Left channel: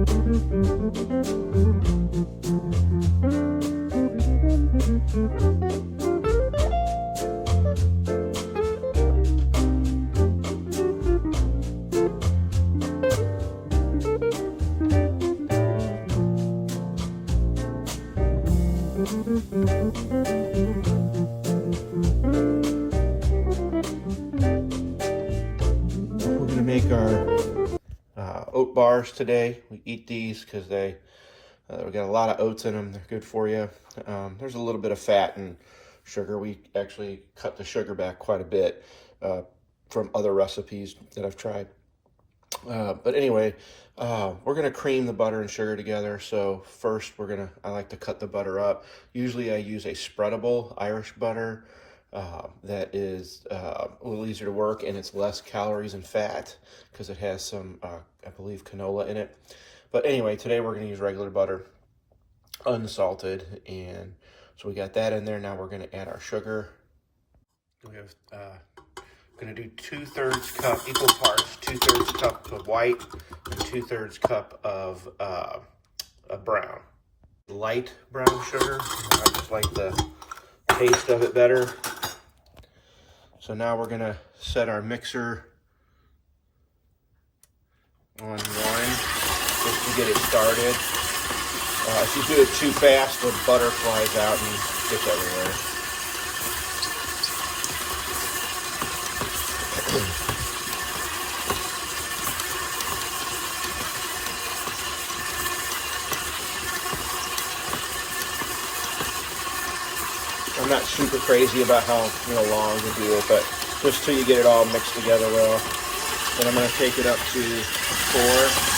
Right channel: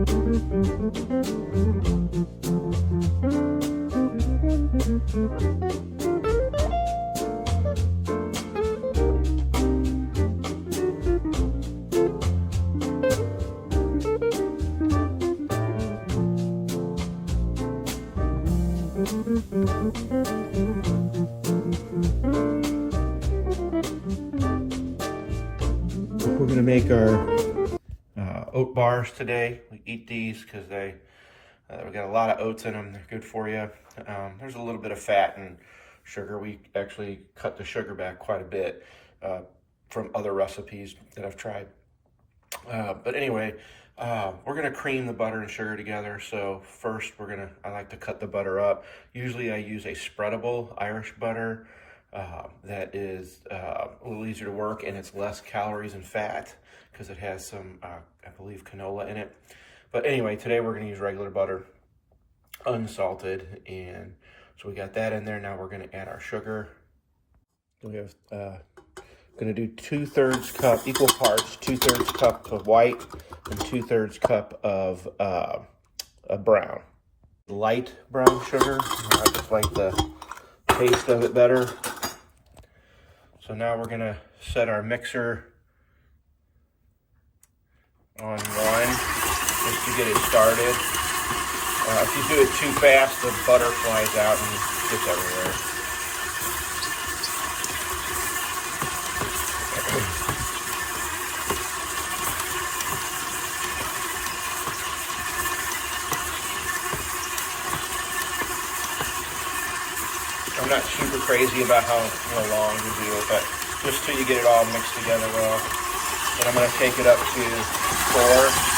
We're going to make our oat bars today. We eat these because we got a lot of oats in them. They're good for you. There's a little bit of fat and sugar. We actually cut the sugar back quite a bit from other recipes that I've tried. But anyway, we're going to cream the butter and sugar together. So first I like to cut the butter up. Usually I use a spreadable Irish butter that is a little easier to work, and it's less calories and fat because it has some, I believe, canola in it. But anyway, today we're going to use regular butter, unsalted, and so we got that in there. Now we're going to add our sugar. We have going to do 2/3 cup, equal parts, 2/3 cup of white and 2/3 cup of brown. Light brown sugar. I just like the taste of it better. So now we're going to set our mixer on 1 just to get it started. If you do it too fast, the butter flies out and gets everywhere. I'm not super crazy about how long to do it, but just till you get it all mixed together well. Then I'm going to take it up to 4.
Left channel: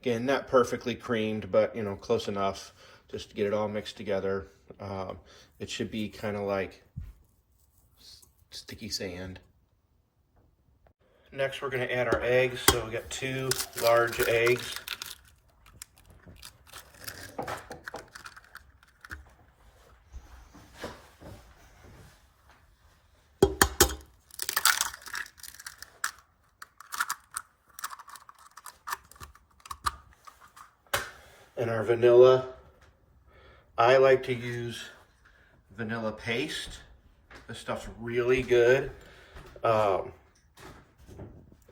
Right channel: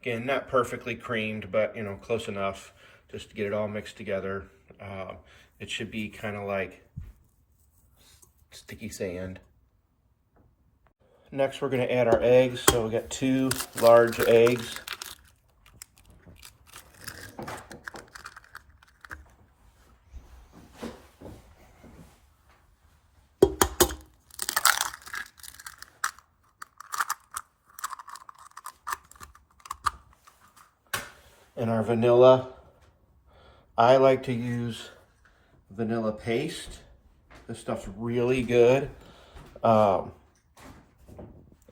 Again, not perfectly creamed, but close enough just to get it all mixed together. It should be kind of like sticky sand. Next, we're going to add our eggs. So we got 2 large eggs. And our vanilla. I like to use vanilla paste. This stuff's really good. And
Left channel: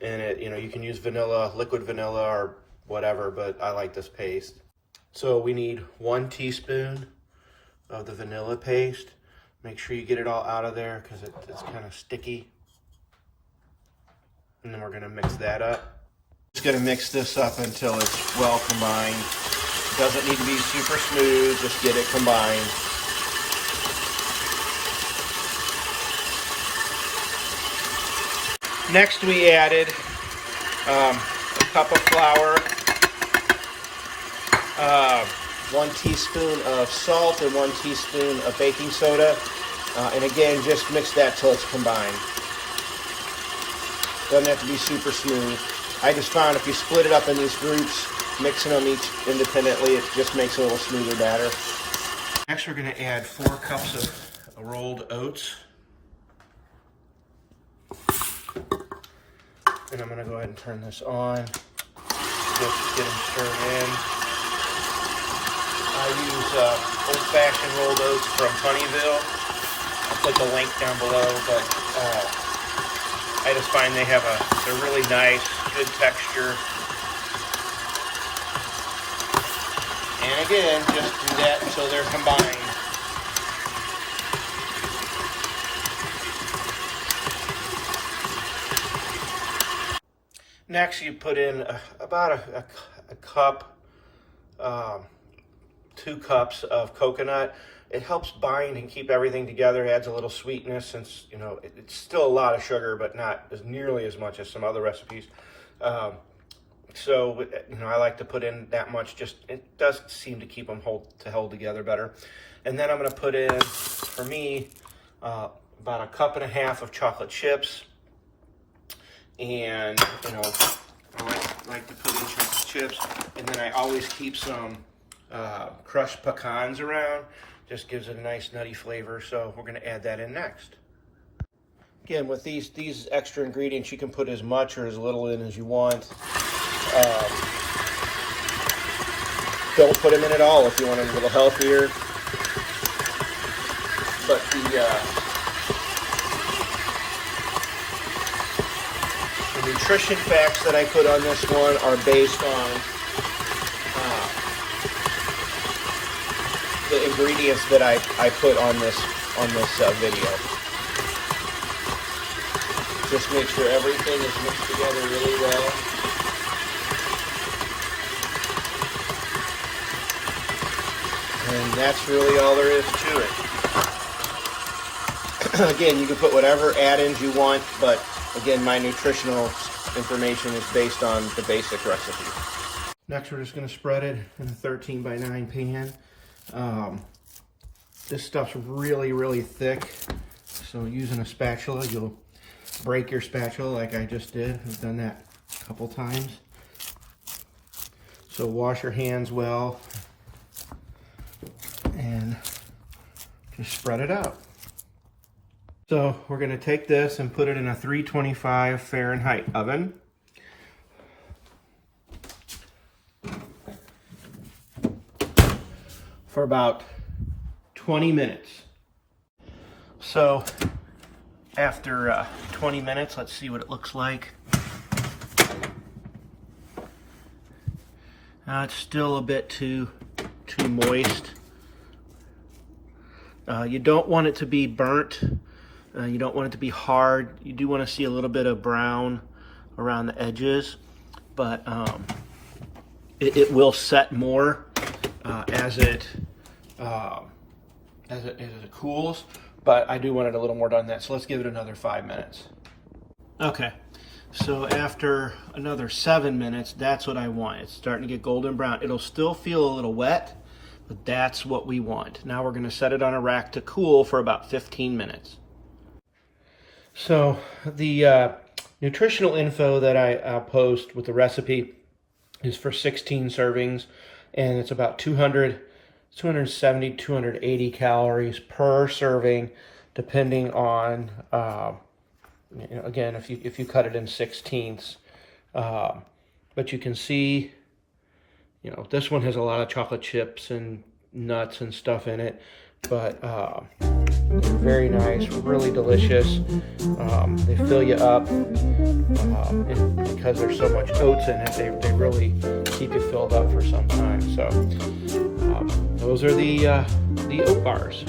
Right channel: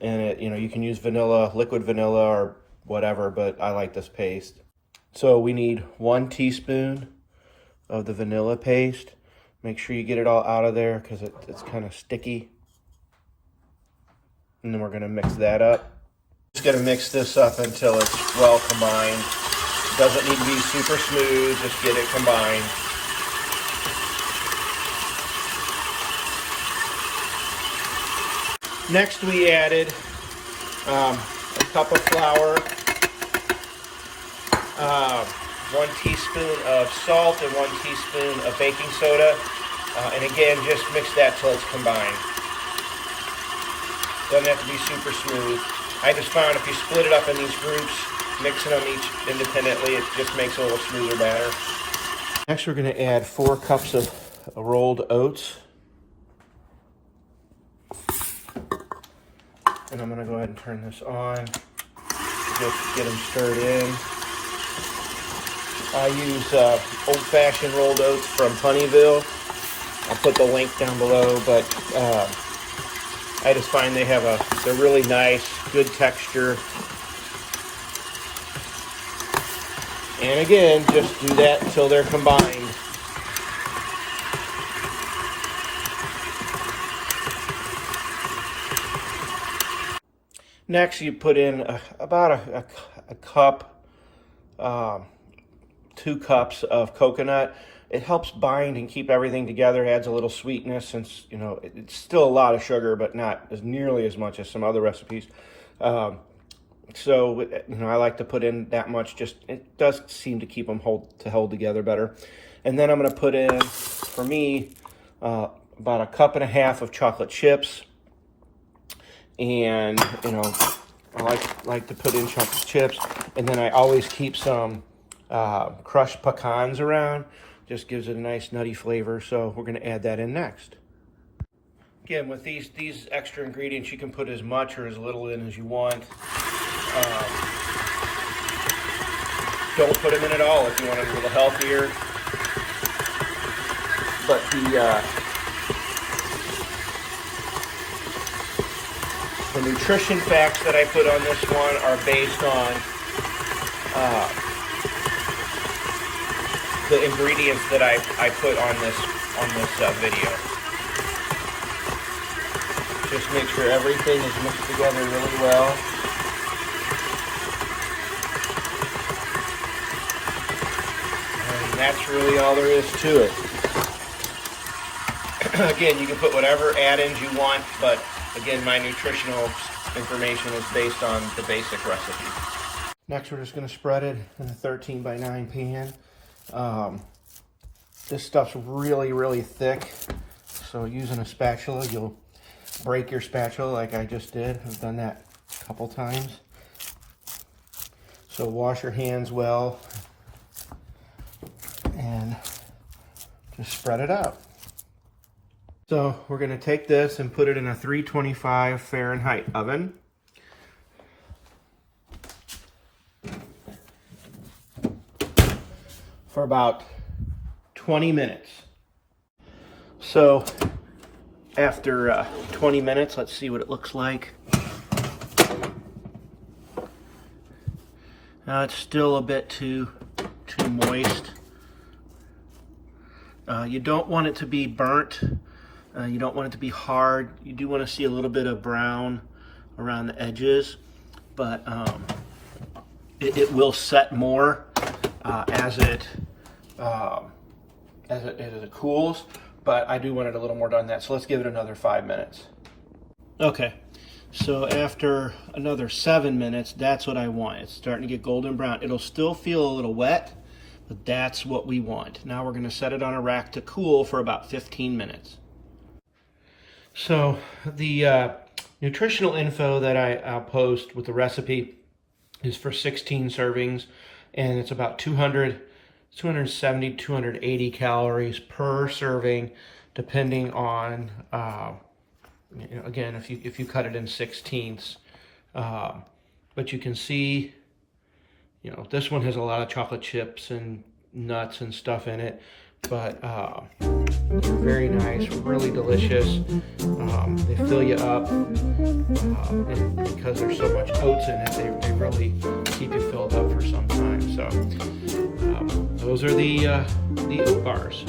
you can use vanilla, liquid vanilla or whatever, but I like this paste. So we need 1 teaspoon of the vanilla paste. Make sure you get it all out of there because it's kind of sticky. And then we're gonna mix that up. Just gonna mix this up until it's well combined. Doesn't need to be super smooth, just get it combined. Next we added a cup of flour, 1 teaspoon of salt and 1 teaspoon of baking soda. And again, just mix that till it's combined. Doesn't have to be super smooth. I just found if you split it up in these groups, mixing them each independently, it just makes a little smoother batter. Next, we're going to add 4 cups of rolled oats. And I'm going to go ahead and turn this on. Just get them stirred in. I use old-fashioned rolled oats from Honeyville. I'll put the link down below, but I just find they're really nice, good texture. And again, just do that until they're combined. Next, you put in about a cup, 2 cups of coconut. It helps bind and keep everything together. It adds a little sweetness since, it's still a lot of sugar, but not as nearly as much as some other recipes. So, I like to put in that much. It does seem to keep them hold together better. And then I'm going to put in, for me, about 1.5 cups of chocolate chips. and you know, I like to put in chocolate chips, and then I always keep some crushed pecans around. Just gives it a nice nutty flavor, so we're going to add that in next. Again, with these extra ingredients, you can put as much or as little in as you want. Don't put them in at all if you want it a little healthier. But the nutrition facts that I put on this one are based on the ingredients that I put on this video. Just make sure everything is mixed together really well. And that's really all there is to it. Again, you can put whatever add-ins you want, but again, my nutritional information is based on the basic recipe. Next, we're just going to spread it in a 13 by 9 pan. This stuff's really, really thick, so using a spatula, you'll break your spatula like I just did. I've done that a couple times. So wash your hands well and just spread it out. So we're going to take this and put it in a 325 Fahrenheit oven. For about 20 minutes. So after 20 minutes, let's see what it looks like. It's still a bit too moist. You don't want it to be burnt. You don't want it to be hard. You do want to see a little bit of brown around the edges, but it will set more as it cools. But I do want it a little more done that, so let's give it another 5 minutes. Okay, so after another 7 minutes, that's what I want. It's starting to get golden brown. It'll still feel a little wet, but that's what we want. Now we're going to set it on a rack to cool for about 15 minutes. So the nutritional info that I'll post with the recipe is for 16 servings, and it's about 270, 280 calories per serving, depending on, you know, again, if you cut it in 16ths. But you can see, you know, this one has a lot of chocolate chips and nuts and stuff in it, but they're very nice, really delicious. They fill you up, and because there's so much oats in it, they really keep you filled up for some time. So those are the oat bars.